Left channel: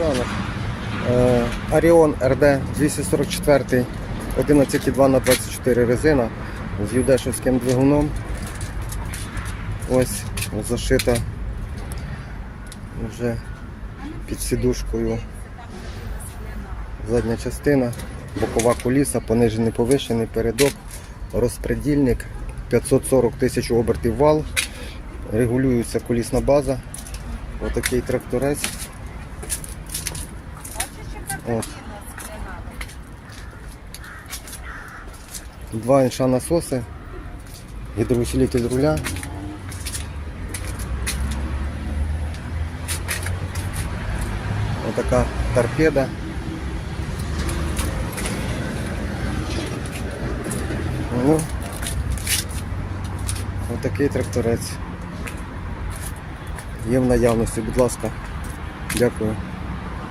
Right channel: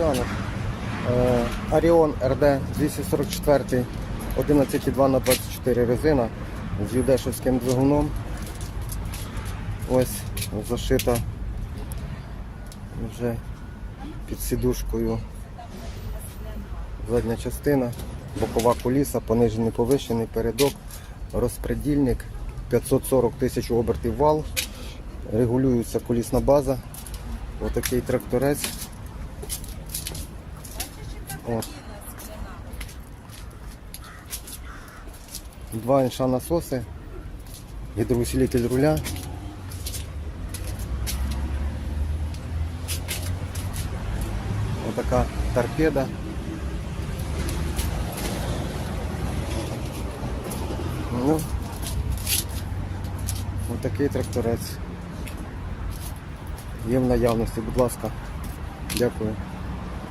ранок. Е, Аріон РД 244 11,2 на 24 резина з юдешевським двигуном. Ось зашита вже під сідушкою задня частина, бокова куліса, понижений повишений передок, розпредільник, 540 тисяч обертів вал, регулюється кулісна база. Отакий тракторець. Два інша насоси, гідроусилитель руля. Отака торпеда. Ну, отакий тракторець. Є в наявності, будь ласка. Дякую.